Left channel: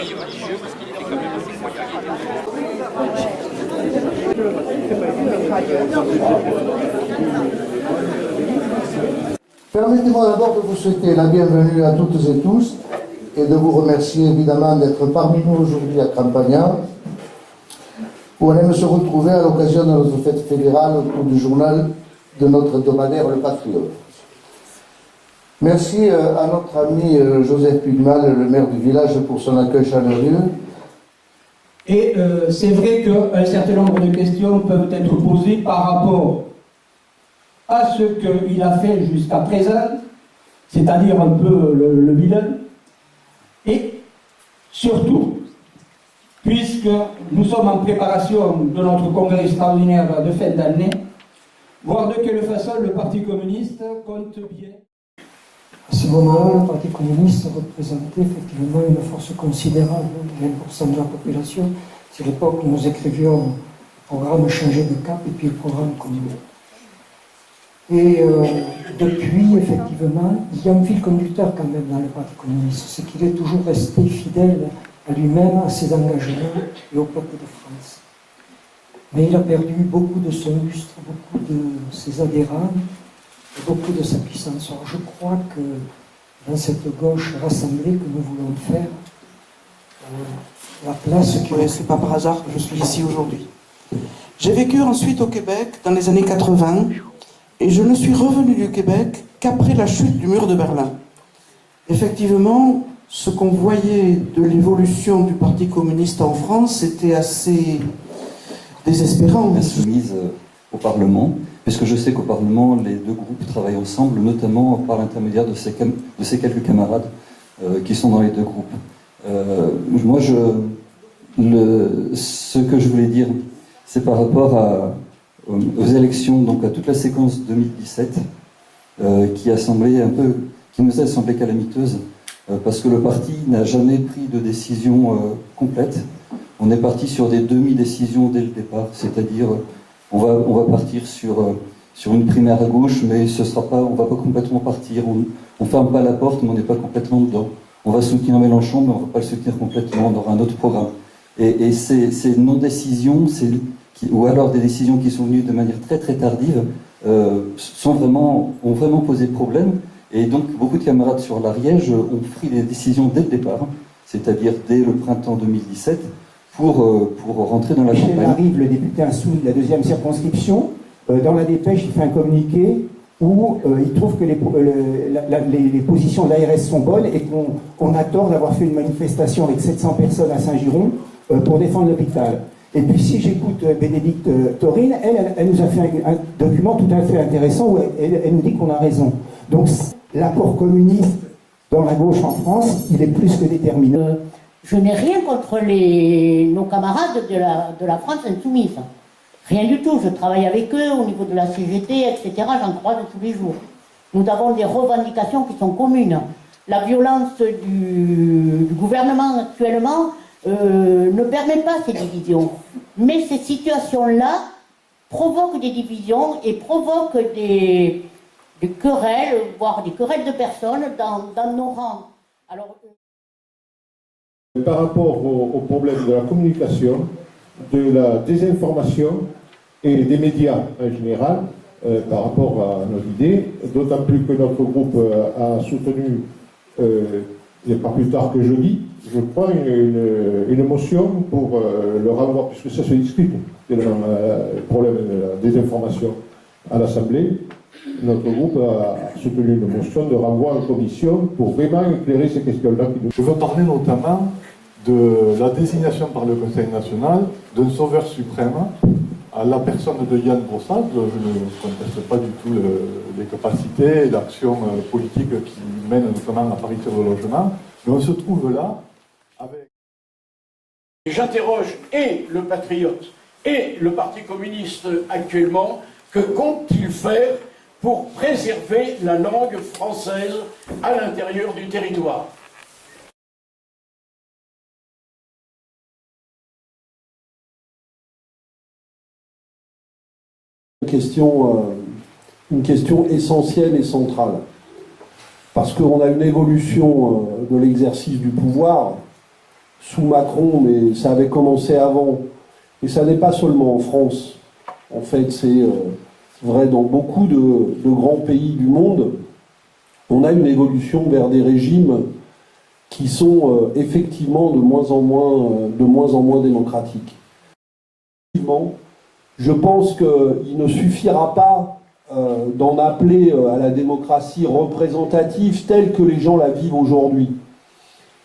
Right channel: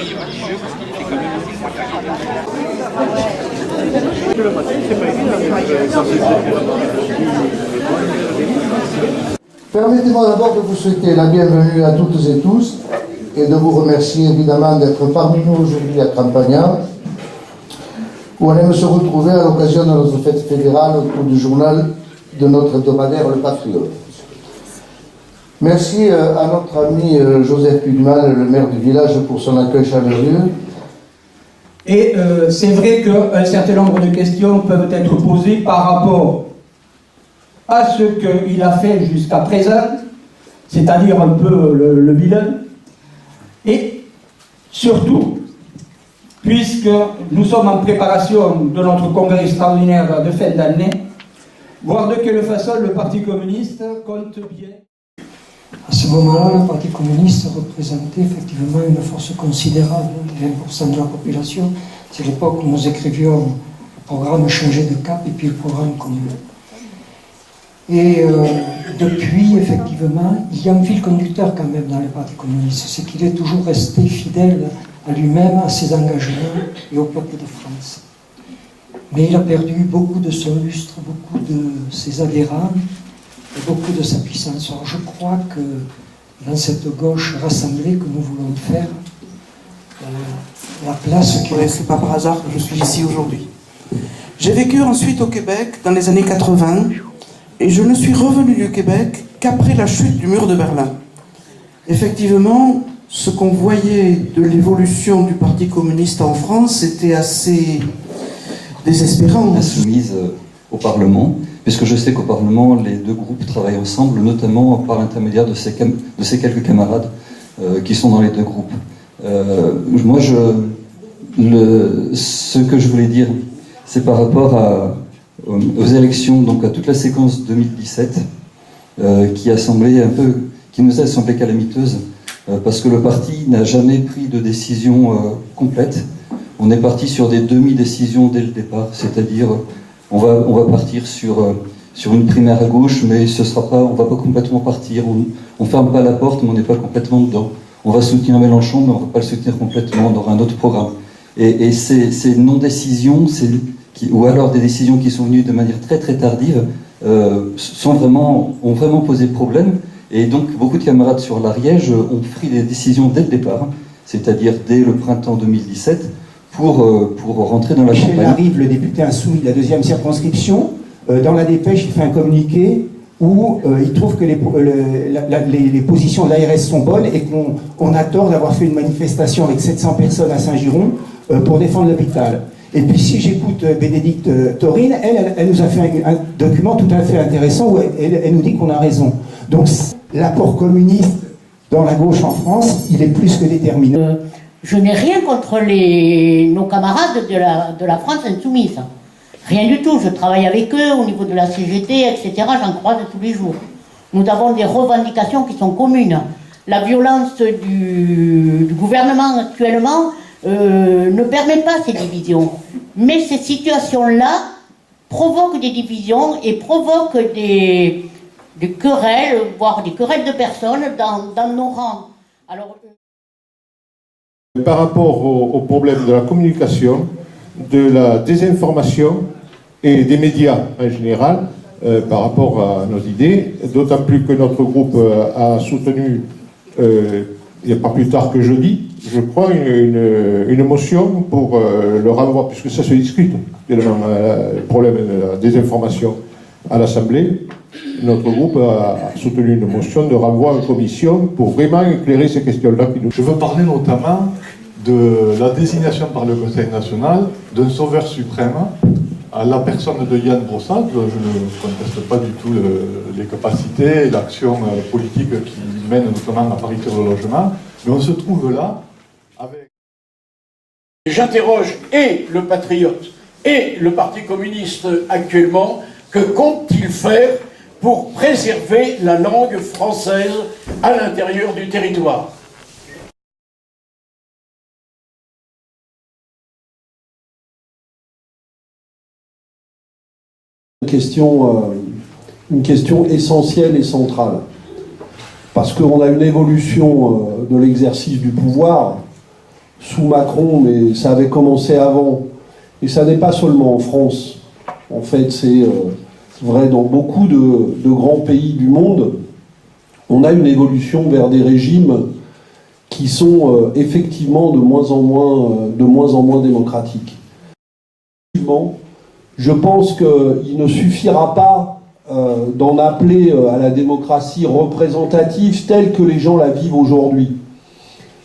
Mi-religieux, parce qu'il était quand même assez Permettez-moi d'abord de vous souhaiter la bienvenue à toutes et tous et de vous remercier évidemment d'être parmi nous aujourd'hui à Campagna, où on aime se retrouver à l'occasion de notre fête fédérale autour du journal de notre hebdomadaire Le Patriote. Merci à notre ami Joseph Pugmal, le maire du village, pour son accueil chaleureux. Et c'est vrai qu'un certain nombre de questions peuvent être posées par rapport à ce qu'il a fait jusqu'à présent, c'est-à-dire un peu le bilan, et surtout, puisque nous sommes en préparation de notre congrès extraordinaire de fin d'année, voir de quelle façon le Parti communiste compte bien. À ce moment-là, le Parti communiste représentait effectivement une force considérable, 20% de la population. C'est l'époque où nous écrivions le programme Changer de cap et puis le programme commun. Et depuis, effectivement, il y a un fil conducteur quand même dans le Parti communiste, c'est qu'il est toujours resté fidèle à lui-même, à ses engagements et au peuple de France. Mais il a perdu beaucoup de son lustre, beaucoup de ses adhérents, et beaucoup de sa puissance. Alors je crois que dans cette gauche rassemblée que nous voulons faire, la place qui... Oui, c'est pas par hasard que je suis ici aujourd'hui. J'ai vécu ensuite au Québec dans les années 80 et je ne suis revenu du Québec qu'après la chute du mur de Berlin. Effectivement, ce qu'on voyait de l'évolution du Parti communiste en France était assez désespérant. Insoumise au Parlement, puisque je sais qu'au Parlement, les deux groupes travaillent ensemble, notamment par l'intermédiaire de ces quelques camarades qui sont dans les deux groupes. Moi, ce que je voulais dire, c'est par rapport aux élections, donc à toute la séquence 2017, qui nous a semblé calamiteuse, parce que le parti n'a jamais pris de décision complète. On est parti sur des demi-décisions dès le départ, c'est-à-dire on va partir sur une primaire à gauche, mais on va pas complètement partir. On ferme pas la porte, mais on n'est pas complètement dedans. On va soutenir Mélenchon, mais on ne va pas le soutenir complètement. On aura un autre programme. Et ces non-décisions, ou alors des décisions qui sont venues de manière très très tardive, ont vraiment posé problème. Et donc beaucoup de camarades sur l'Ariège ont pris des décisions dès le départ, c'est-à-dire dès le printemps 2017, pour rentrer dans la campagne. Michel Larive, le député insoumis de la 2e circonscription, dans la dépêche, il fait un communiqué où il trouve que les positions de l'ARS sont bonnes et qu'on a tort d'avoir fait une manifestation avec 700 personnes à Saint-Giron pour défendre l'hôpital. Et puis si j'écoute Bénédicte Taurine, elle nous a fait un document tout à fait intéressant où elle nous dit qu'on a raison. Donc l'apport communiste dans la gauche en France, il est plus que déterminant. Je n'ai rien contre nos camarades de la France insoumise. Rien du tout. Je travaille avec eux au niveau de la CGT, etc. J'en croise tous les jours. Nous avons des revendications qui sont communes. La violence du gouvernement actuellement ne permet pas ces divisions. Mais ces situations-là provoquent des divisions et provoquent des querelles, voire des querelles de personnes dans nos rangs. Alors, par rapport au problème de la communication, de la désinformation et des médias en général, par rapport à nos idées, d'autant plus que notre groupe a soutenu, il n'y a pas plus tard que jeudi, je crois, une motion pour le renvoi, puisque ça se discute, le problème de la désinformation à l'Assemblée. Notre groupe a soutenu une motion de renvoi en commission pour vraiment éclairer ces questions-là. Je veux parler notamment de la désignation par le Conseil national d'un sauveur suprême à la personne de Yann Brossard. Je ne conteste pas du tout les capacités et l'action politique qui mène notamment à Paris sur le logement, mais on se trouve là avec... J'interroge et le Patriote et le Parti communiste actuellement, que compte-t-il faire pour préserver la langue française à l'intérieur du territoire. Une question essentielle et centrale. Parce qu'on a une évolution de l'exercice du pouvoir sous Macron, mais ça avait commencé avant. Et ça n'est pas seulement en France. En fait, c'est vrai dans beaucoup de grands pays du monde. On a une évolution vers des régimes qui sont effectivement de moins en moins démocratiques. Je pense qu'il ne suffira pas d'en appeler à la démocratie représentative telle que les gens la vivent aujourd'hui.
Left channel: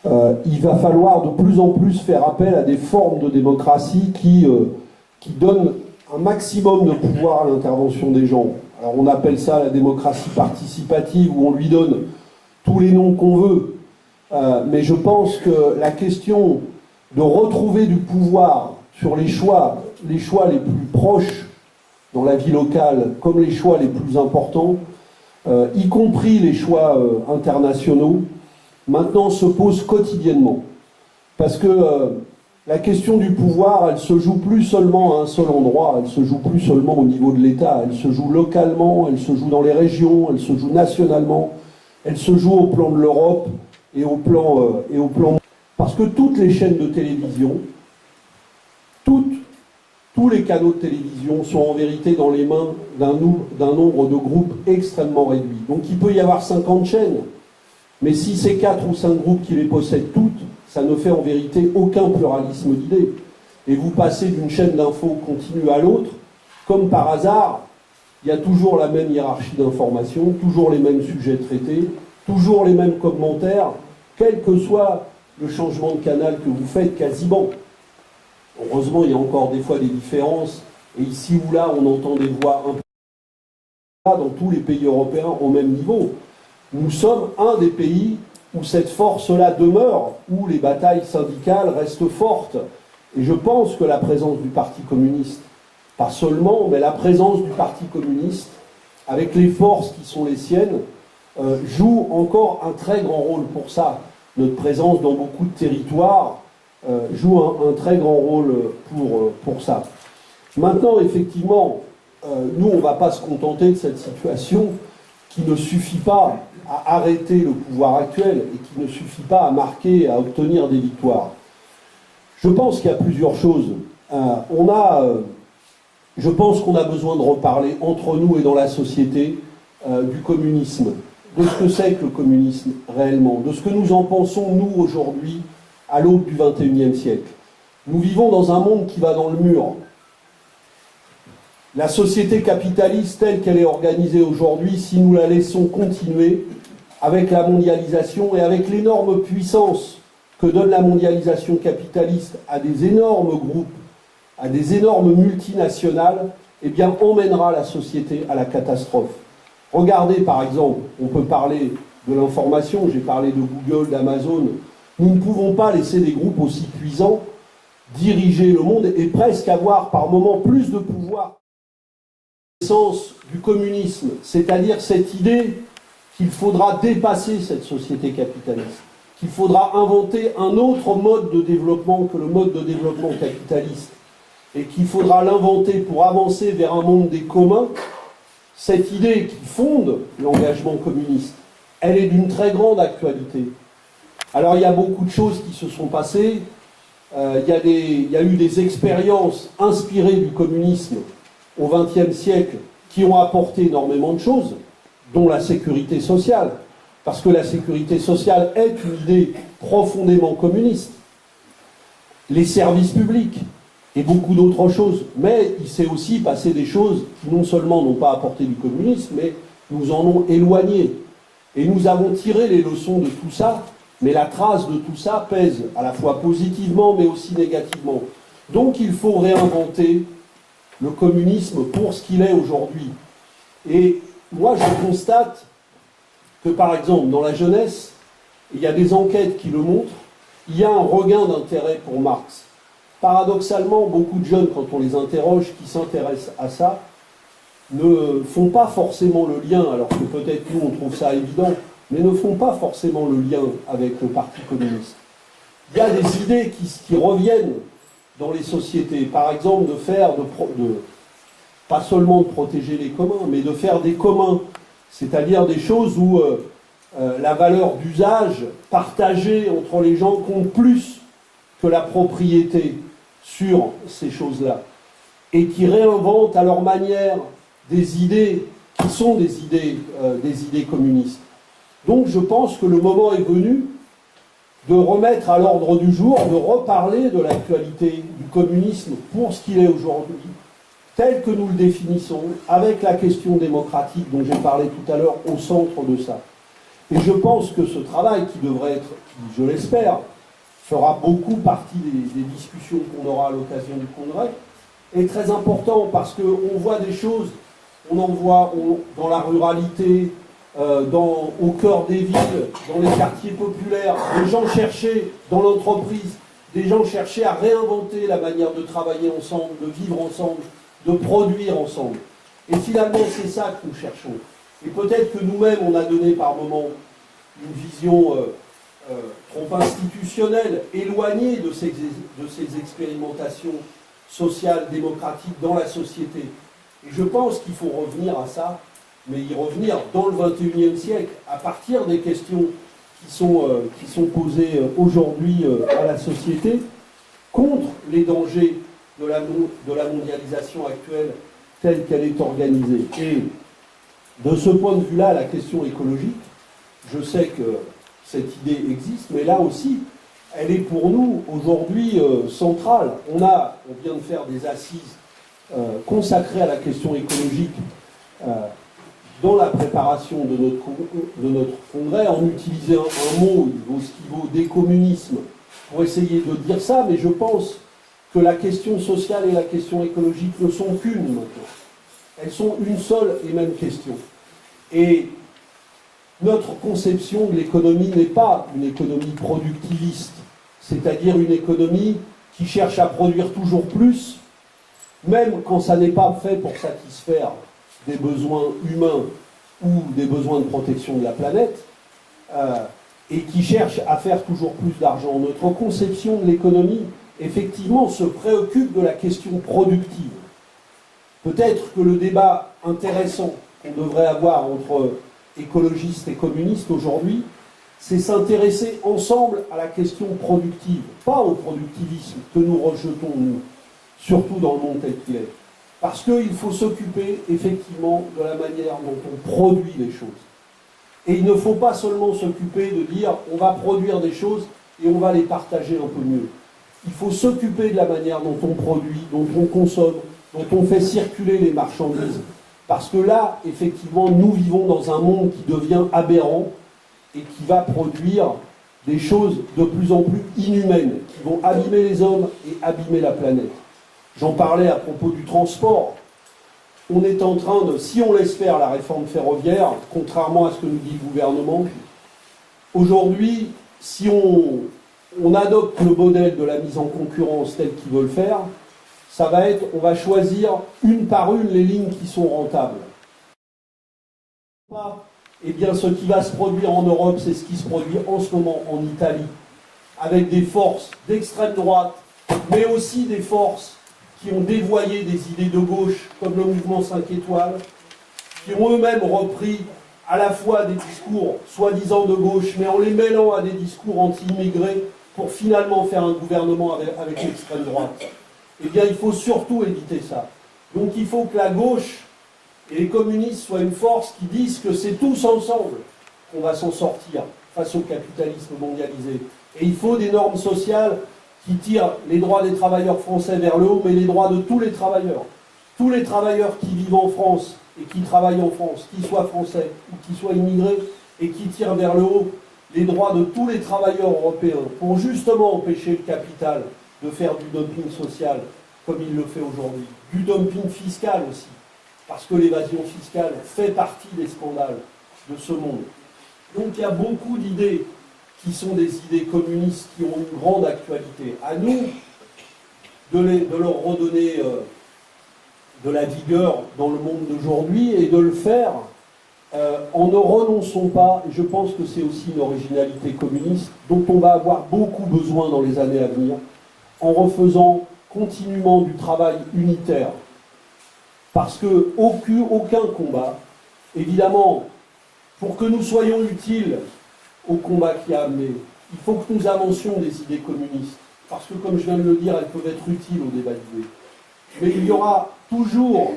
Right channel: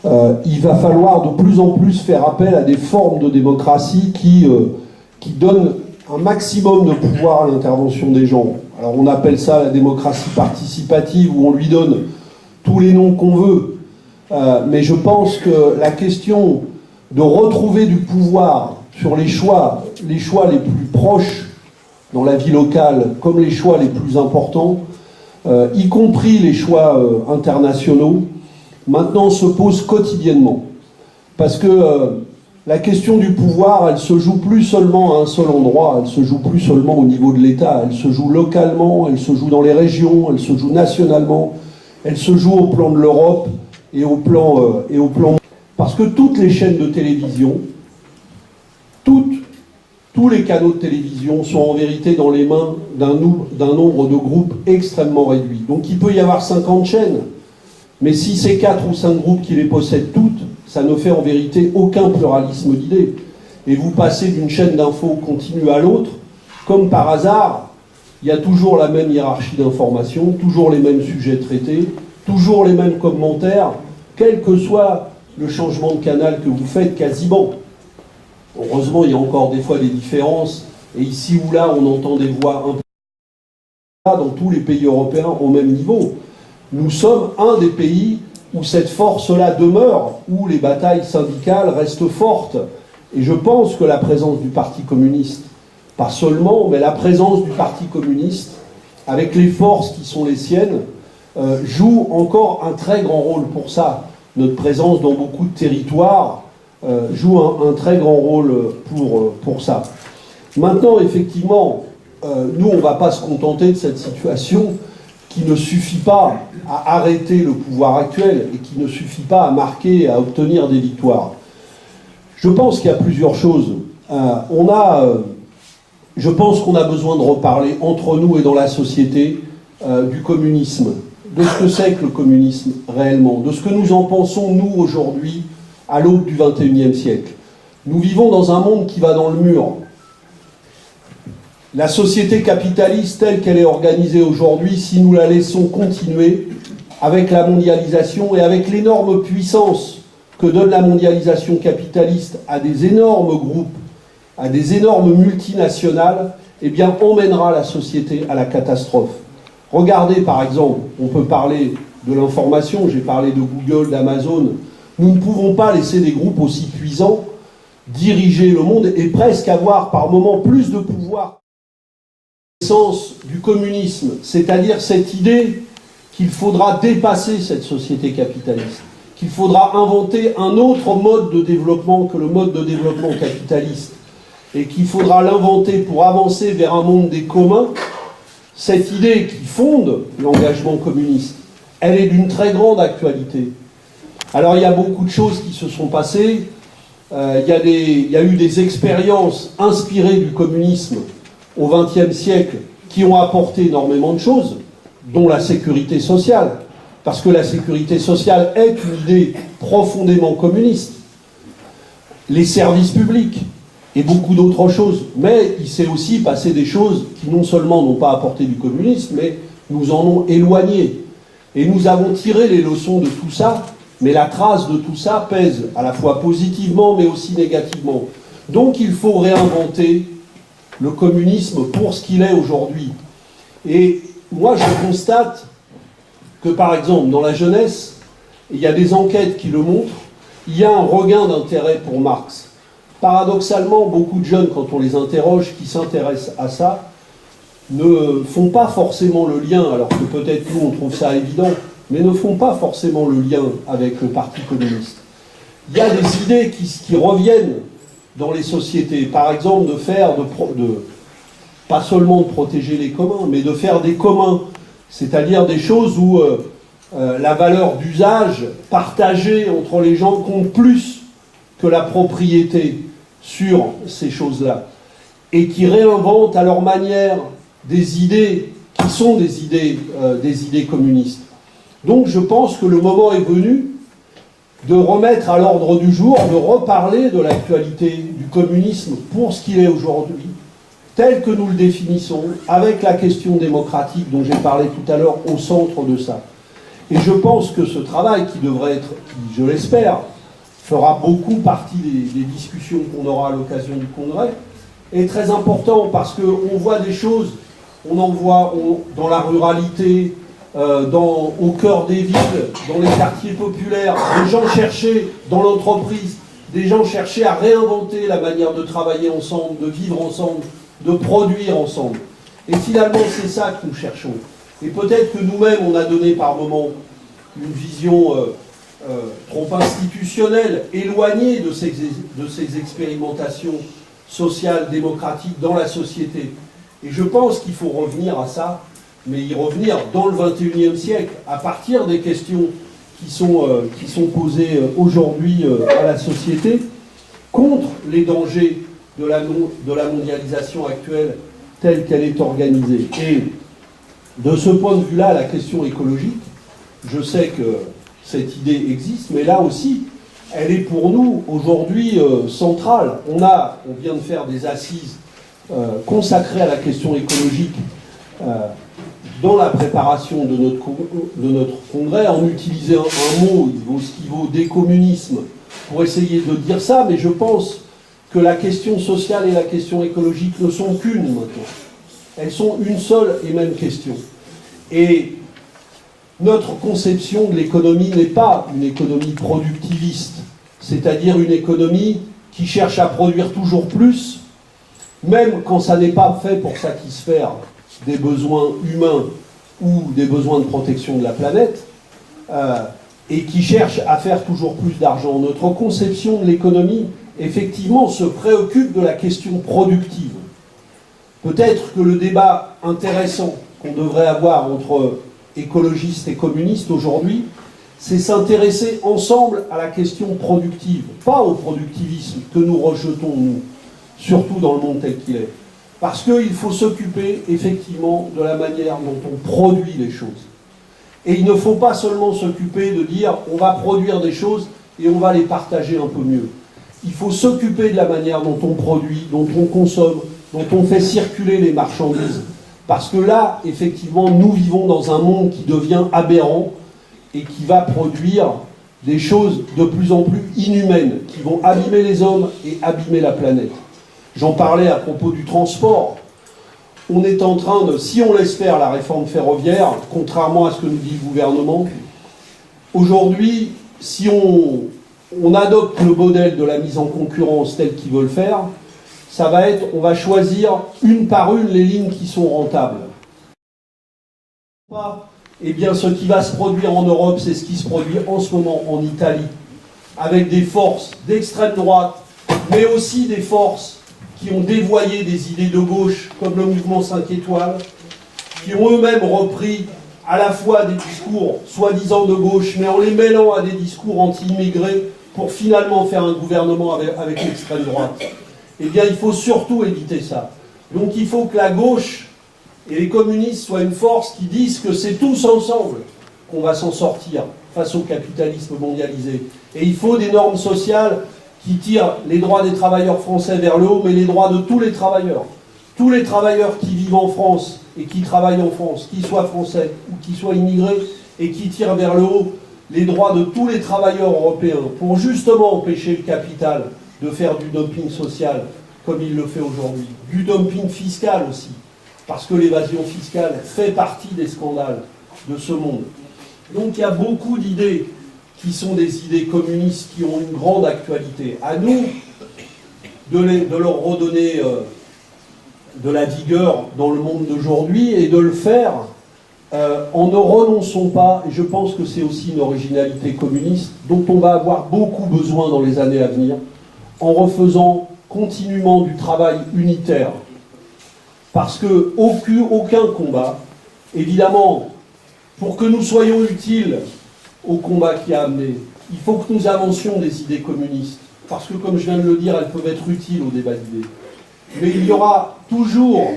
Il va falloir de plus en plus faire appel à des formes de démocratie qui donnent un maximum de pouvoir à l'intervention des gens. Alors on appelle ça la démocratie participative, où on lui donne tous les noms qu'on veut. Mais je pense que la question de retrouver du pouvoir sur les choix les plus proches dans la vie locale, comme les choix les plus importants, y compris les choix internationaux, maintenant se pose quotidiennement. Parce que la question du pouvoir, elle se joue plus seulement à un seul endroit, elle se joue plus seulement au niveau de l'État, elle se joue localement, elle se joue dans les régions, elle se joue nationalement, elle se joue au plan de l'Europe et au plan... Parce que toutes les chaînes de télévision, tous les canaux de télévision sont en vérité dans les mains d'un nombre de groupes extrêmement réduit. Donc il peut y avoir 50 chaînes, mais si c'est 4 ou 5 groupes qui les possèdent toutes, ça ne fait en vérité aucun pluralisme d'idées. Et vous passez d'une chaîne d'infos continue à l'autre, comme par hasard, il y a toujours la même hiérarchie d'information, toujours les mêmes sujets traités, toujours les mêmes commentaires, quel que soit le changement de canal que vous faites quasiment. Heureusement, il y a encore des fois des différences, et ici ou là, on entend des voix un peu dans tous les pays européens au même niveau. Nous sommes un des pays où cette force-là demeure, où les batailles syndicales restent fortes. Et je pense que la présence du Parti communiste, pas seulement, mais la présence du Parti communiste, avec les forces qui sont les siennes, joue encore un très grand rôle pour ça. Notre présence dans beaucoup de territoires joue un très grand rôle pour ça. Maintenant, effectivement, nous, on ne va pas se contenter de cette situation qui ne suffit pas à arrêter le pouvoir actuel et qui ne suffit pas à marquer et à obtenir des victoires. Je pense qu'il y a plusieurs choses. Je pense qu'on a besoin de reparler entre nous et dans la société du communisme, de ce que c'est que le communisme réellement, de ce que nous en pensons, nous, aujourd'hui, à l'aube du XXIe siècle. Nous vivons dans un monde qui va dans le mur. La société capitaliste telle qu'elle est organisée aujourd'hui, si nous la laissons continuer avec la mondialisation et avec l'énorme puissance que donne la mondialisation capitaliste à des énormes groupes, à des énormes multinationales, eh bien, emmènera la société à la catastrophe. Regardez, par exemple, on peut parler de l'information, j'ai parlé de Google, d'Amazon. Nous ne pouvons pas laisser des groupes aussi puissants diriger le monde et presque avoir par moments plus de pouvoir. L'essence du communisme, c'est-à-dire cette idée qu'il faudra dépasser cette société capitaliste, qu'il faudra inventer un autre mode de développement que le mode de développement capitaliste, et qu'il faudra l'inventer pour avancer vers un monde des communs. Cette idée qui fonde l'engagement communiste, elle est d'une très grande actualité. Alors il y a beaucoup de choses qui se sont passées, il y a eu des expériences inspirées du communisme au XXe siècle qui ont apporté énormément de choses, dont la sécurité sociale, parce que la sécurité sociale est une idée profondément communiste. Les services publics et beaucoup d'autres choses. Mais il s'est aussi passé des choses qui non seulement n'ont pas apporté du communisme, mais nous en ont éloigné. Et nous avons tiré les leçons de tout ça, mais la trace de tout ça pèse à la fois positivement mais aussi négativement. Donc il faut réinventer le communisme pour ce qu'il est aujourd'hui. Et moi je constate que par exemple dans la jeunesse, il y a des enquêtes qui le montrent, il y a un regain d'intérêt pour Marx. Paradoxalement, beaucoup de jeunes, quand on les interroge, qui s'intéressent à ça, ne font pas forcément le lien, alors que peut-être nous on trouve ça évident, mais ne font pas forcément le lien avec le Parti communiste. Il y a des idées qui reviennent dans les sociétés, par exemple pas seulement de protéger les communs, mais de faire des communs, c'est-à-dire des choses où la valeur d'usage partagée entre les gens compte plus que la propriété sur ces choses-là, et qui réinventent à leur manière des idées qui sont des idées communistes. Donc je pense que le moment est venu de remettre à l'ordre du jour, de reparler de l'actualité du communisme pour ce qu'il est aujourd'hui, tel que nous le définissons, avec la question démocratique dont j'ai parlé tout à l'heure au centre de ça. Et je pense que ce travail qui devrait être, qui, je l'espère, fera beaucoup partie des discussions qu'on aura à l'occasion du Congrès, est très important parce qu'on voit des choses, on en voit dans la ruralité, au cœur des villes, dans les quartiers populaires, des gens cherchaient dans l'entreprise, des gens cherchaient à réinventer la manière de travailler ensemble, de vivre ensemble, de produire ensemble. Et finalement, c'est ça que nous cherchons. Et peut-être que nous-mêmes, on a donné par moments une vision trop institutionnelle, éloignée de ces expérimentations sociales, démocratiques dans la société. Et je pense qu'il faut revenir à ça, mais y revenir dans le XXIe siècle, à partir des questions qui sont posées aujourd'hui à la société, contre les dangers de la mondialisation actuelle telle qu'elle est organisée. Et de ce point de vue-là, la question écologique, je sais que cette idée existe, mais là aussi, elle est pour nous aujourd'hui centrale. On vient de faire des assises consacrées à la question écologique dans la préparation de notre congrès, en utilisant un mot qui vaut décommunisme pour essayer de dire ça, mais je pense que la question sociale et la question écologique ne sont qu'une maintenant. Elles sont une seule et même question. Et notre conception de l'économie n'est pas une économie productiviste, c'est-à-dire une économie qui cherche à produire toujours plus, même quand ça n'est pas fait pour satisfaire des besoins humains ou des besoins de protection de la planète, et qui cherche à faire toujours plus d'argent. Notre conception de l'économie, effectivement, se préoccupe de la question productive. Peut-être que le débat intéressant qu'on devrait avoir entre écologistes et communistes aujourd'hui, c'est s'intéresser ensemble à la question productive, pas au productivisme que nous rejetons, nous, surtout dans le monde tel qu'il est. Parce qu'il faut s'occuper effectivement de la manière dont on produit les choses. Et il ne faut pas seulement s'occuper de dire on va produire des choses et on va les partager un peu mieux. Il faut s'occuper de la manière dont on produit, dont on consomme, dont on fait circuler les marchandises. Parce que là, effectivement, nous vivons dans un monde qui devient aberrant et qui va produire des choses de plus en plus inhumaines, qui vont abîmer les hommes et abîmer la planète. J'en parlais à propos du transport. On est en train de, si on laisse faire la réforme ferroviaire, contrairement à ce que nous dit le gouvernement, aujourd'hui, si on adopte le modèle de la mise en concurrence tel qu'ils veulent faire, ça va être, on va choisir une par une les lignes qui sont rentables. Eh bien, ce qui va se produire en Europe, c'est ce qui se produit en ce moment en Italie, avec des forces d'extrême droite, mais aussi des forces qui ont dévoyé des idées de gauche, comme le mouvement 5 étoiles, qui ont eux-mêmes repris à la fois des discours soi-disant de gauche, mais en les mêlant à des discours anti-immigrés, pour finalement faire un gouvernement avec l'extrême droite. Eh bien, il faut surtout éviter ça. Donc il faut que la gauche et les communistes soient une force qui disent que c'est tous ensemble qu'on va s'en sortir face au capitalisme mondialisé. Et il faut des normes sociales qui tirent les droits des travailleurs français vers le haut, mais les droits de tous les travailleurs. Tous les travailleurs qui vivent en France et qui travaillent en France, qu'ils soient français ou qu'ils soient immigrés, et qui tirent vers le haut les droits de tous les travailleurs européens, pour justement empêcher le capital de faire du dumping social comme il le fait aujourd'hui. Du dumping fiscal aussi, parce que l'évasion fiscale fait partie des scandales de ce monde. Donc il y a beaucoup d'idées qui sont des idées communistes qui ont une grande actualité. À nous de leur redonner de la vigueur dans le monde d'aujourd'hui et de le faire en ne renonçant pas, et je pense que c'est aussi une originalité communiste, dont on va avoir beaucoup besoin dans les années à venir, en refaisant continuellement du travail unitaire. Parce que aucun combat, évidemment, pour que nous soyons utiles au combat qui a amené, il faut que nous avancions des idées communistes. Parce que, comme je viens de le dire, elles peuvent être utiles au débat d'idées. Mais il y aura toujours,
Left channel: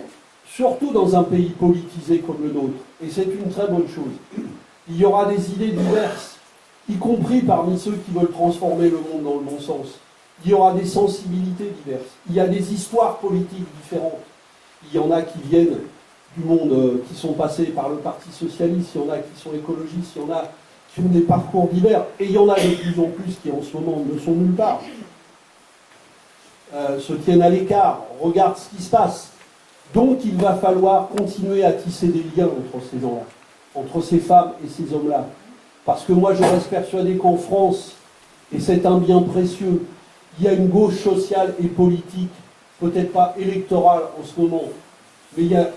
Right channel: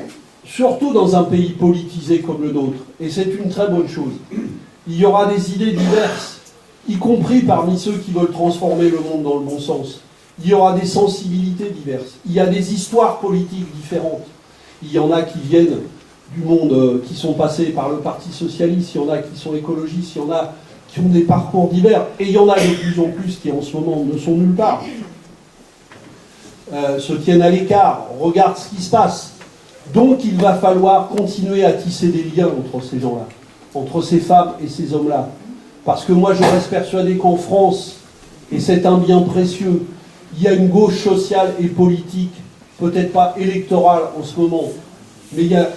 surtout dans un pays politisé comme le nôtre, et c'est une très bonne chose, il y aura des idées diverses, y compris parmi ceux qui veulent transformer le monde dans le bon sens. Il y aura des sensibilités diverses. Il y a des histoires politiques différentes. Il y en a qui viennent du monde, qui sont passés par le Parti socialiste, il y en a qui sont écologistes, il y en a qui ont des parcours divers, et il y en a de plus en plus qui en ce moment ne sont nulle part. Se tiennent à l'écart, regardent ce qui se passe. Donc il va falloir continuer à tisser des liens entre ces gens-là, entre ces femmes et ces hommes-là. Parce que moi je reste persuadé qu'en France, et c'est un bien précieux, il y a une gauche sociale et politique, peut-être pas électorale en ce moment, mais il y a,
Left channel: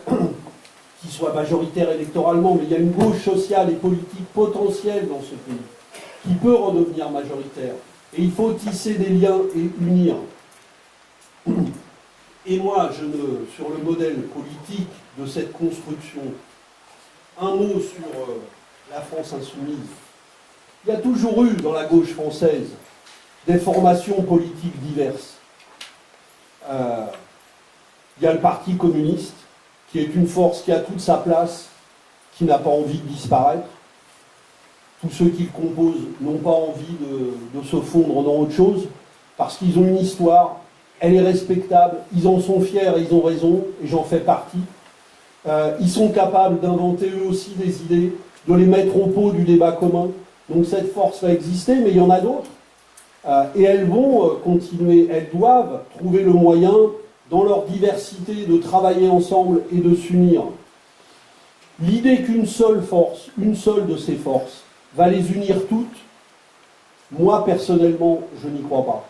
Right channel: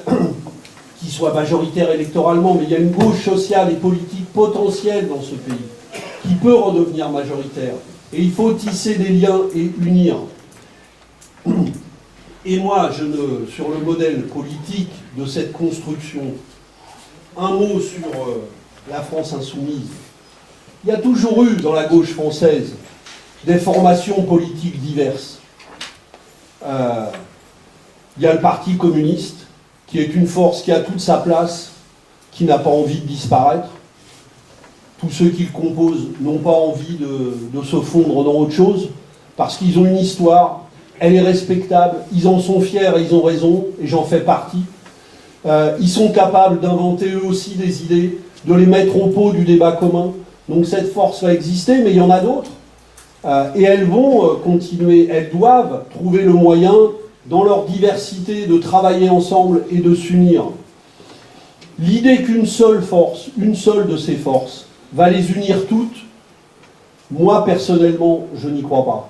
qui soit majoritaire électoralement, mais il y a une gauche sociale et politique potentielle dans ce pays, qui peut redevenir majoritaire. Et il faut tisser des liens et unir. Et moi, sur le modèle politique de cette construction, un mot sur la France insoumise. Il y a toujours eu dans la gauche française des formations politiques diverses. Il y a le Parti communiste, qui est une force qui a toute sa place, qui n'a pas envie de disparaître. Tous ceux qui le composent n'ont pas envie de se fondre dans autre chose, parce qu'ils ont une histoire, elle est respectable, ils en sont fiers et ils ont raison, et j'en fais partie. Ils sont capables d'inventer eux aussi des idées, de les mettre au pot du débat commun. Donc cette force va exister, mais il y en a d'autres. Et elles vont continuer, elles doivent trouver le moyen, dans leur diversité, de travailler ensemble et de s'unir. L'idée qu'une seule force, une seule de ces forces, va les unir toutes, moi personnellement, je n'y crois pas.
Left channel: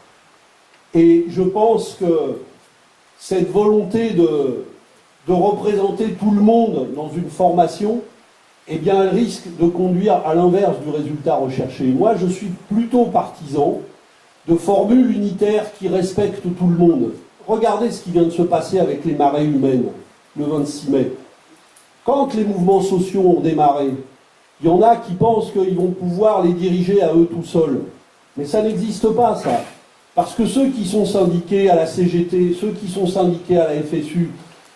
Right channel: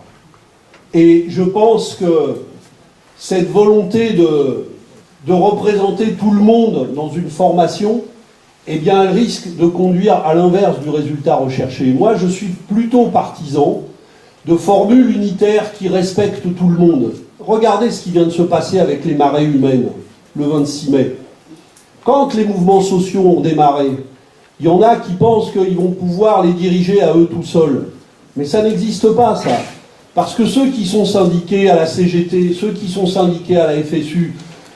Et je pense que cette volonté de représenter tout le monde dans une formation, eh bien, elle risque de conduire à l'inverse du résultat recherché. Moi, je suis plutôt partisan de formules unitaires qui respectent tout le monde. Regardez ce qui vient de se passer avec les marées humaines, le 26 mai. Quand les mouvements sociaux ont démarré, il y en a qui pensent qu'ils vont pouvoir les diriger à eux tout seuls. Mais ça n'existe pas, ça. Parce que ceux qui sont syndiqués à la CGT, ceux qui sont syndiqués à la FSU,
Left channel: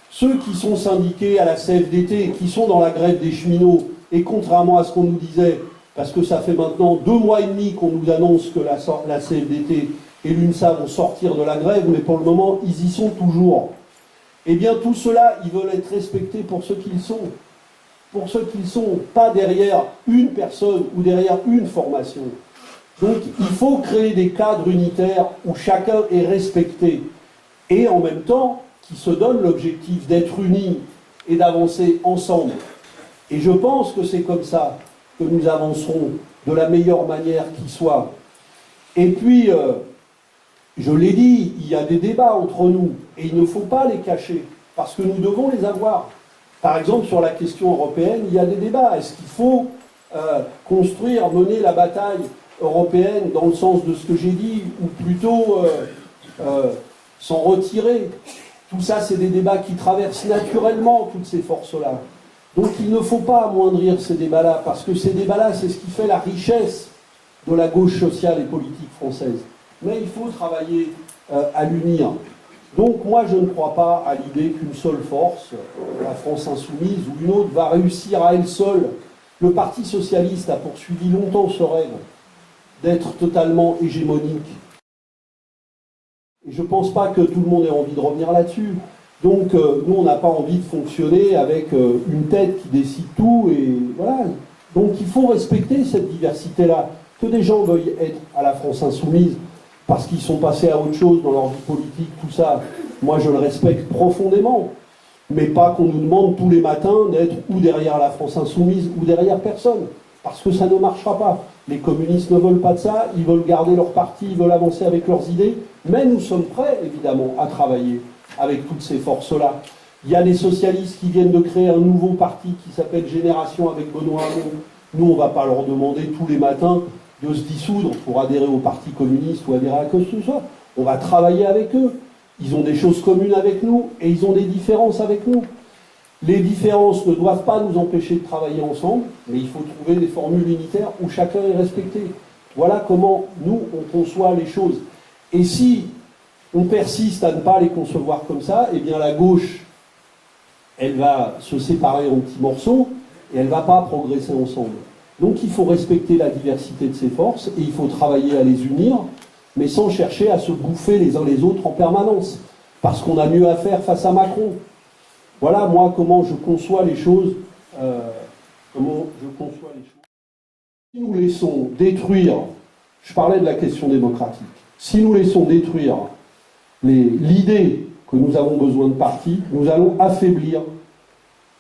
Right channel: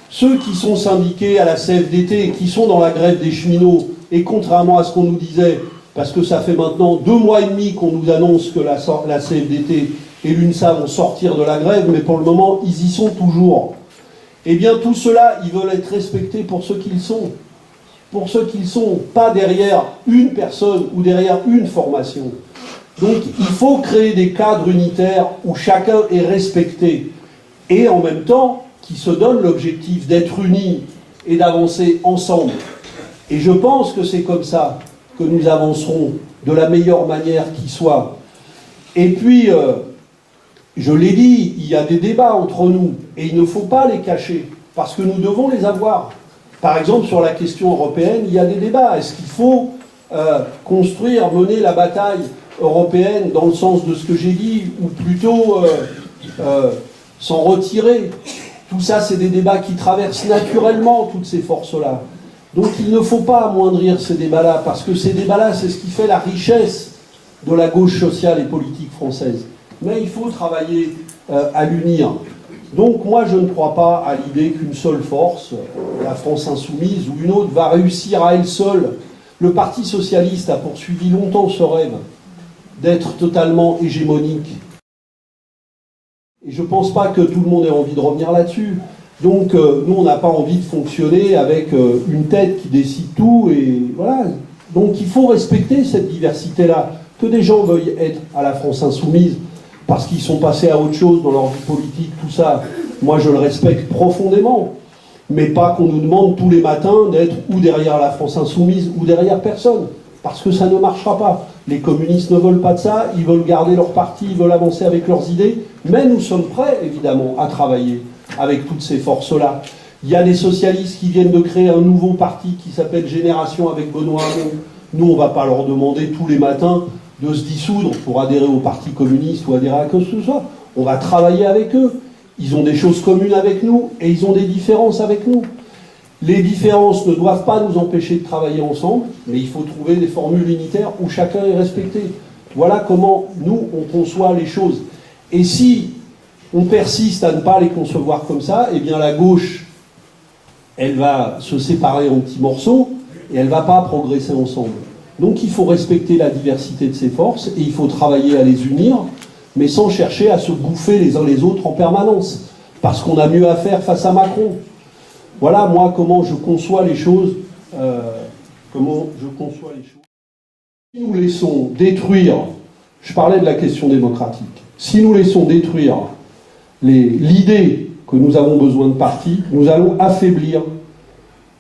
ceux qui sont syndiqués à la CFDT, qui sont dans la grève des cheminots, et contrairement à ce qu'on nous disait, parce que ça fait maintenant 2 mois et demi qu'on nous annonce que la CFDT et l'UNSA vont sortir de la grève, mais pour le moment, ils y sont toujours. Eh bien, tout cela, ils veulent être respectés pour ce qu'ils sont. Pour ce qu'ils sont, pas derrière une personne ou derrière une formation. Donc, il faut créer des cadres unitaires où chacun est respecté. Et en même temps, qui se donnent l'objectif d'être unis et d'avancer ensemble. Et je pense que c'est comme ça que nous avancerons de la meilleure manière qui soit. Et puis, je l'ai dit, il y a des débats entre nous, et il ne faut pas les cacher, parce que nous devons les avoir. Par exemple, sur la question européenne, il y a des débats. Est-ce qu'il faut construire, mener la bataille européenne dans le sens de ce que j'ai dit, ou plutôt s'en retirer? Tout ça, c'est des débats qui traversent naturellement toutes ces forces-là. Donc il ne faut pas amoindrir ces débats-là, parce que ces débats-là, c'est ce qui fait la richesse de la gauche sociale et politique française. Mais il faut travailler à l'unir. Donc moi, je ne crois pas à l'idée qu'une seule force, la France insoumise ou une autre, va réussir à elle seule. Le Parti socialiste a poursuivi longtemps ce rêve d'être totalement hégémonique. Et je ne pense pas que tout le monde ait envie de revenir là-dessus. Donc, nous, on n'a pas envie de fonctionner avec une tête qui décide tout, et voilà. Donc, il faut respecter cette diversité-là. Que des gens veuillent être à la France insoumise parce qu'ils sont passés à autre chose dans leur vie politique, tout ça, moi, je le respecte profondément. Mais pas qu'on nous demande tous les matins d'être ou derrière la France insoumise ou derrière personne. Parce que ça ne marchera pas. Les communistes ne veulent pas de ça, ils veulent garder leur parti, ils veulent avancer avec leurs idées, mais nous sommes prêts, évidemment, à travailler avec toutes ces forces-là. Il y a des socialistes qui viennent de créer un nouveau parti qui s'appelle Génération avec Benoît Hamon. Nous, on ne va pas leur demander tous les matins de se dissoudre pour adhérer au Parti communiste ou adhérer à quoi que ce soit. On va travailler avec eux. Ils ont des choses communes avec nous et ils ont des différences avec nous. Les différences ne doivent pas nous empêcher de travailler ensemble, mais il faut trouver des formules unitaires où chacun est respecté. Voilà comment nous, on conçoit les choses. Et si on persiste à ne pas les concevoir comme ça, eh bien la gauche, elle va se séparer en petits morceaux et elle ne va pas progresser ensemble. Donc il faut respecter la diversité de ces forces et il faut travailler à les unir, mais sans chercher à se bouffer les uns les autres en permanence, parce qu'on a mieux à faire face à Macron. Voilà, moi, comment je conçois les choses. Si nous laissons détruire, je parlais de la question démocratique, si nous laissons détruire l'idée que nous avons besoin de partis, nous allons affaiblir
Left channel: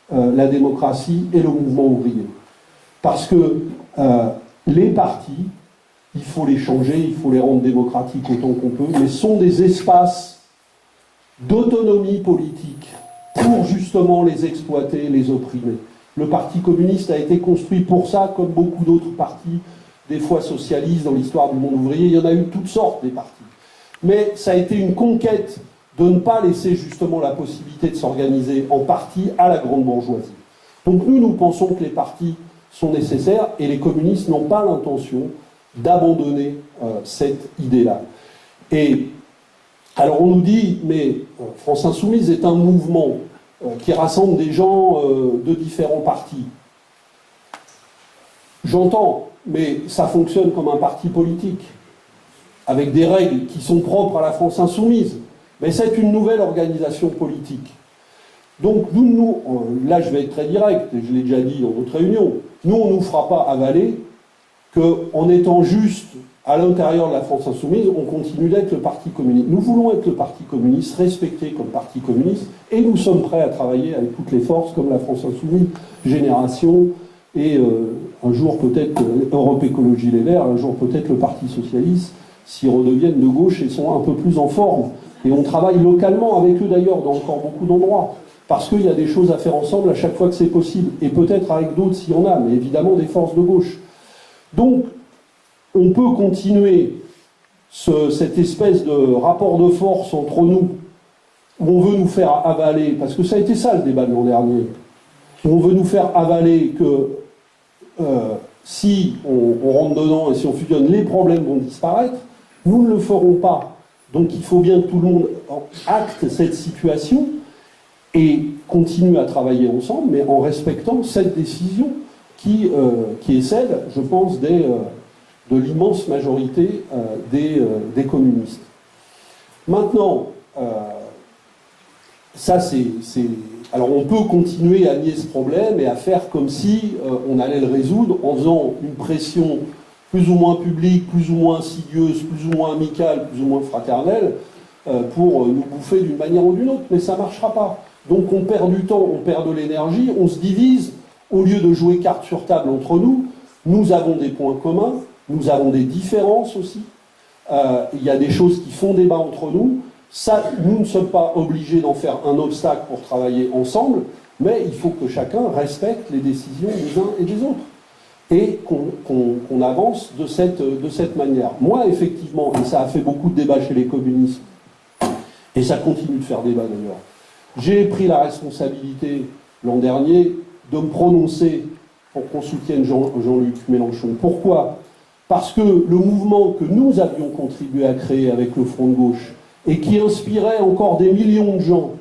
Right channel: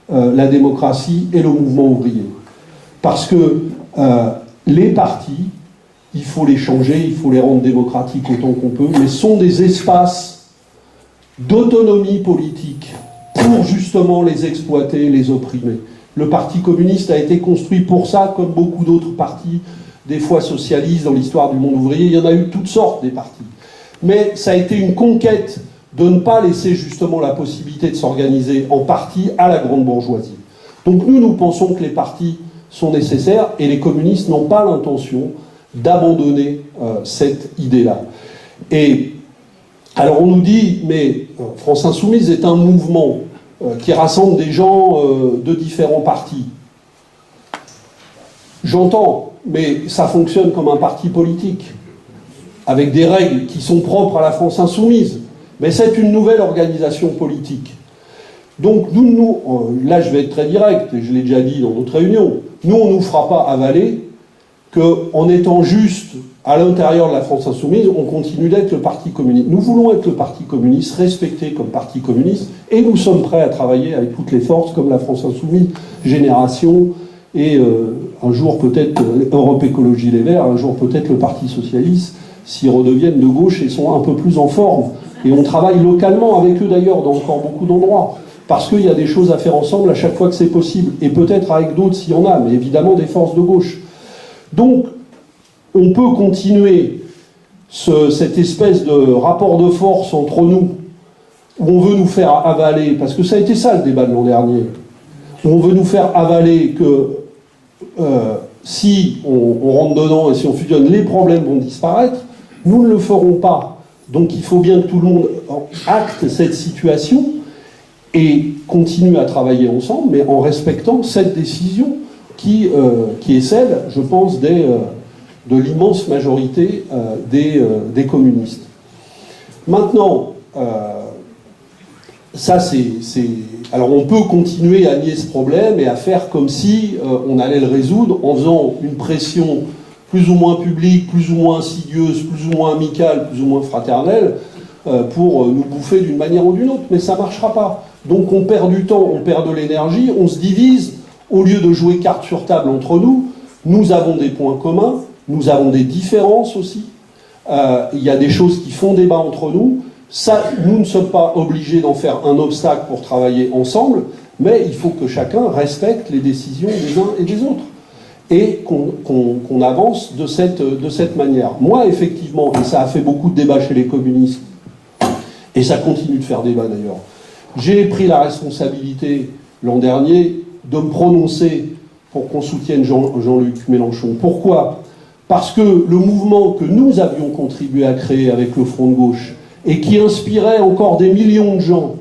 la démocratie et le mouvement ouvrier. Parce que les partis, il faut les changer, il faut les rendre démocratiques autant qu'on peut, mais sont des espaces d'autonomie politique pour justement les exploiter, les opprimer. Le Parti communiste a été construit pour ça, comme beaucoup d'autres partis, des fois socialistes dans l'histoire du monde ouvrier. Il y en a eu toutes sortes, des partis. Mais ça a été une conquête de ne pas laisser justement la possibilité de s'organiser en parti à la grande bourgeoisie. Donc nous pensons que les partis sont nécessaires et les communistes n'ont pas l'intention d'abandonner cette idée-là. Et alors on nous dit, mais France Insoumise est un mouvement qui rassemble des gens de différents partis. J'entends, mais ça fonctionne comme un parti politique, avec des règles qui sont propres à la France Insoumise. Mais c'est une nouvelle organisation politique. Donc nous, là je vais être très direct, et je l'ai déjà dit dans notre réunion, nous on ne nous fera pas avaler qu'en étant juste à l'intérieur de la France Insoumise, on continue d'être le Parti communiste. Nous voulons être le Parti communiste, respecté comme Parti communiste, et nous sommes prêts à travailler avec toutes les forces, comme la France Insoumise, Génération, et un jour peut-être Europe Écologie Les Verts, un jour peut-être le Parti Socialiste, s'ils redeviennent de gauche et sont un peu plus en forme. Et on travaille localement avec eux d'ailleurs, dans encore beaucoup d'endroits, parce qu'il y a des choses à faire ensemble à chaque fois que c'est possible, et peut-être avec d'autres s'il y en a, mais évidemment des forces de gauche. Donc, on peut continuer cette espèce de rapport de force entre nous, où on veut nous faire avaler, parce que ça a été ça le débat de l'an dernier, où on veut nous faire avaler que si on rentre dedans et si on fusionne, les problèmes vont disparaître. Nous ne le ferons pas. Donc il faut bien que tout le monde acte cette situation et continue à travailler ensemble, mais en respectant cette décision qui est celle, je pense, de l'immense majorité des communistes. Maintenant, ça c'est... Alors on peut continuer à nier ce problème et à faire comme si on allait le résoudre en faisant une pression plus ou moins publique, plus ou moins insidieuse, plus ou moins amicale, plus ou moins fraternelle, pour nous bouffer d'une manière ou d'une autre, mais ça ne marchera pas. Donc on perd du temps, on perd de l'énergie, on se divise, au lieu de jouer carte sur table entre nous, nous avons des points communs, nous avons des différences aussi, il y a des choses qui font débat entre nous, ça, nous ne sommes pas obligés d'en faire un obstacle pour travailler ensemble, mais il faut que chacun respecte les décisions des uns et des autres, et qu'on avance de cette manière. Moi, effectivement, et ça a fait beaucoup de débats chez les communistes, et ça continue de faire débat d'ailleurs, j'ai pris la responsabilité l'an dernier de me prononcer pour qu'on soutienne Jean-Luc Mélenchon. Pourquoi ? Parce que le mouvement que nous avions contribué à créer avec le Front de gauche, et qui inspirait encore des millions de gens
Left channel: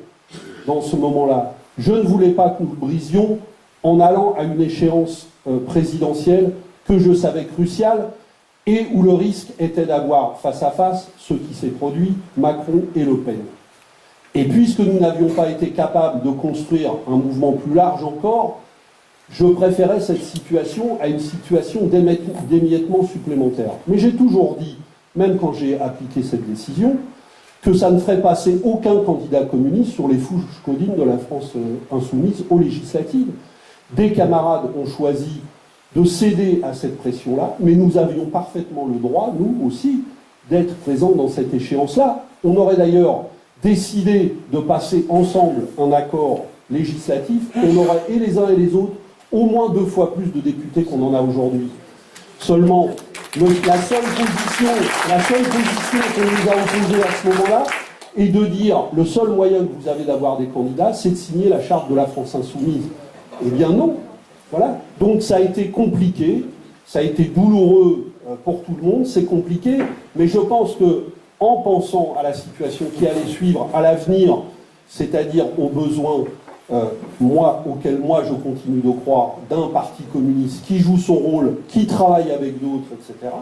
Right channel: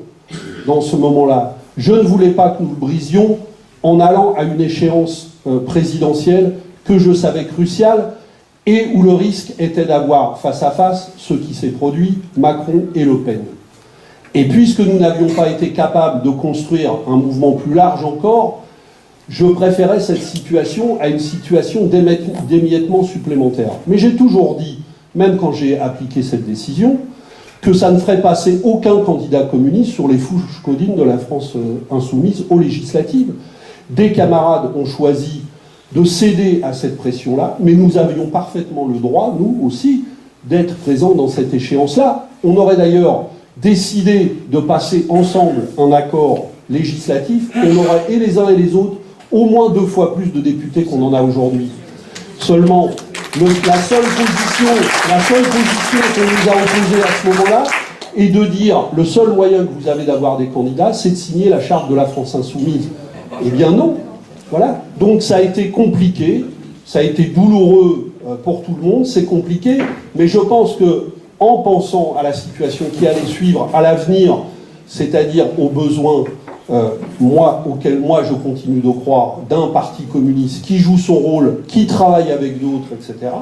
dans ce moment-là, je ne voulais pas que nous le brisions en allant à une échéance présidentielle que je savais cruciale et où le risque était d'avoir face à face ce qui s'est produit, Macron et Le Pen. Et puisque nous n'avions pas été capables de construire un mouvement plus large encore, je préférais cette situation à une situation d'émiettement supplémentaire. Mais j'ai toujours dit, même quand j'ai appliqué cette décision, que ça ne ferait passer aucun candidat communiste sur les fourches codines de la France insoumise aux législatives. Des camarades ont choisi de céder à cette pression-là, mais nous avions parfaitement le droit, nous aussi, d'être présents dans cette échéance-là. On aurait d'ailleurs décidé de passer ensemble un accord législatif, on aurait, et les uns et les autres, au moins 2 fois plus de députés qu'on en a aujourd'hui. Seulement, la seule position qu'on nous a imposée à ce moment-là est de dire le seul moyen que vous avez d'avoir des candidats, c'est de signer la charte de la France insoumise. Eh bien non. Voilà. Donc ça a été compliqué, ça a été douloureux pour tout le monde, c'est compliqué, mais je pense que en pensant à la situation qui allait suivre, à l'avenir, c'est-à-dire aux besoins auquel moi je continue de croire, d'un parti communiste qui joue son rôle, qui travaille avec d'autres, etc.,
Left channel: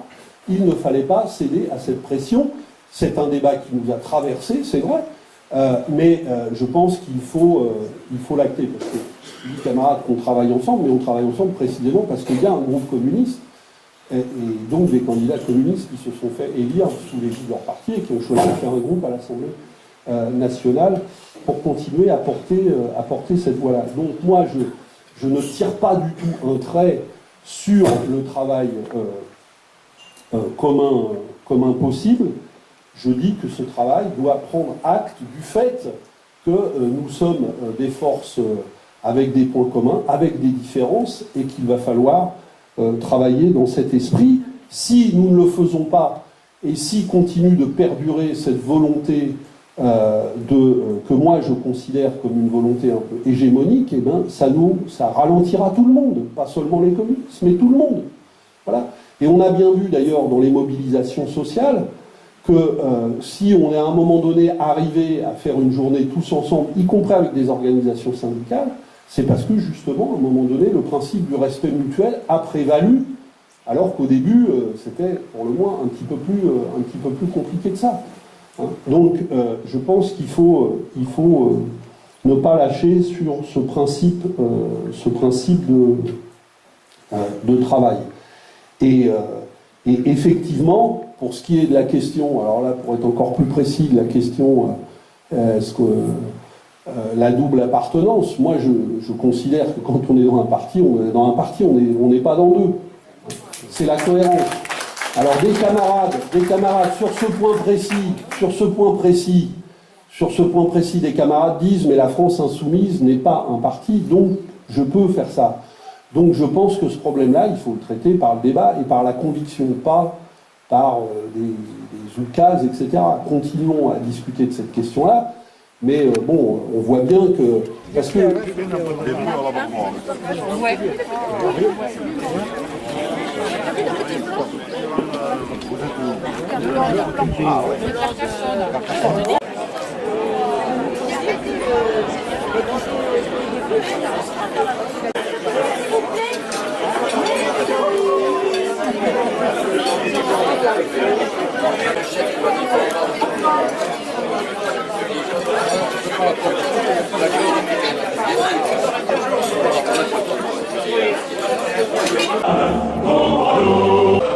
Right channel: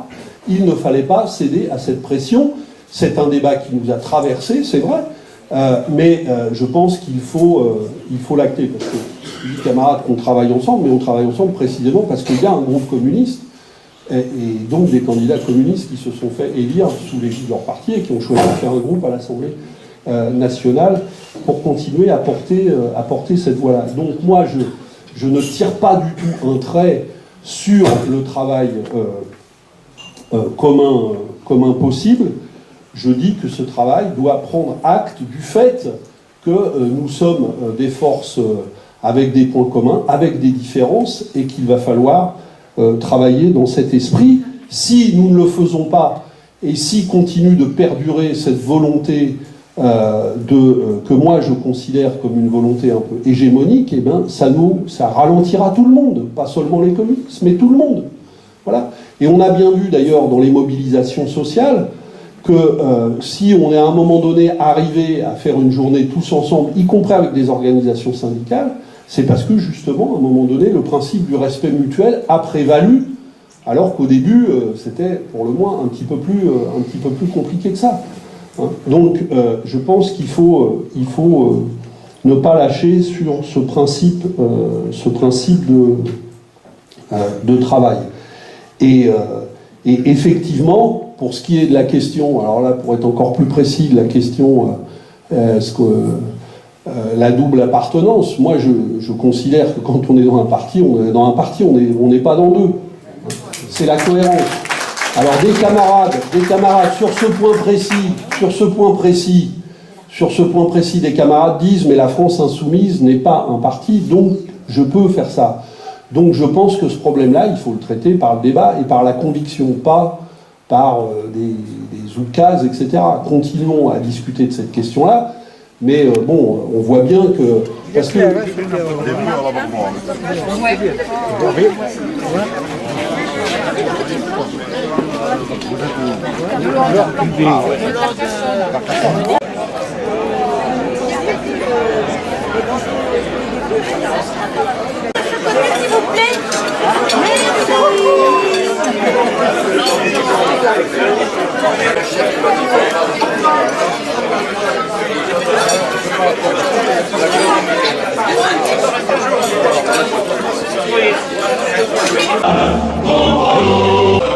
il ne fallait pas céder à cette pression. C'est un débat qui nous a traversé, c'est vrai, mais je pense qu'il faut l'acter, parce que je dis camarades qu'on travaille ensemble, mais on travaille ensemble précisément parce qu'il y a un groupe communiste, et donc des candidats communistes qui se sont fait élire sous l'égide de leur parti et qui ont choisi de faire un groupe à l'Assemblée nationale pour continuer à porter cette voie-là. Donc moi, je ne tire pas du tout un trait sur le travail commun possible. Je dis que ce travail doit prendre acte du fait que nous sommes des forces avec des points communs, avec des différences, et qu'il va falloir travailler dans cet esprit. Si nous ne le faisons pas, et si continue de perdurer cette volonté que moi je considère comme une volonté un peu hégémonique, eh bien ça ralentira tout le monde, pas seulement les communistes, mais tout le monde. Voilà. Et on a bien vu d'ailleurs dans les mobilisations sociales que si on est à un moment donné arrivé à faire une journée tous ensemble, y compris avec des organisations syndicales, c'est parce que justement, à un moment donné, le principe du respect mutuel a prévalu, alors qu'au début, c'était pour le moins un petit peu plus compliqué que ça. Hein. Donc, je pense qu'il faut ne pas lâcher sur ce principe de travail. Et effectivement, pour ce qui est de la question, alors là, pour être encore plus précis, la question, la double appartenance, moi, je considère que quand on est dans un parti, on n'est pas dans deux. C'est la cohérence. Alors, des camarades, sur ce point précis, des camarades disent, mais la France insoumise n'est pas un parti, donc je peux faire ça. Donc je pense que ce problème-là, il faut le traiter par le débat et par la conviction, pas par des oukases, etc. Continuons à discuter de cette question-là, mais bon, on voit bien que... Parce que... S'il vous plaît. Oh,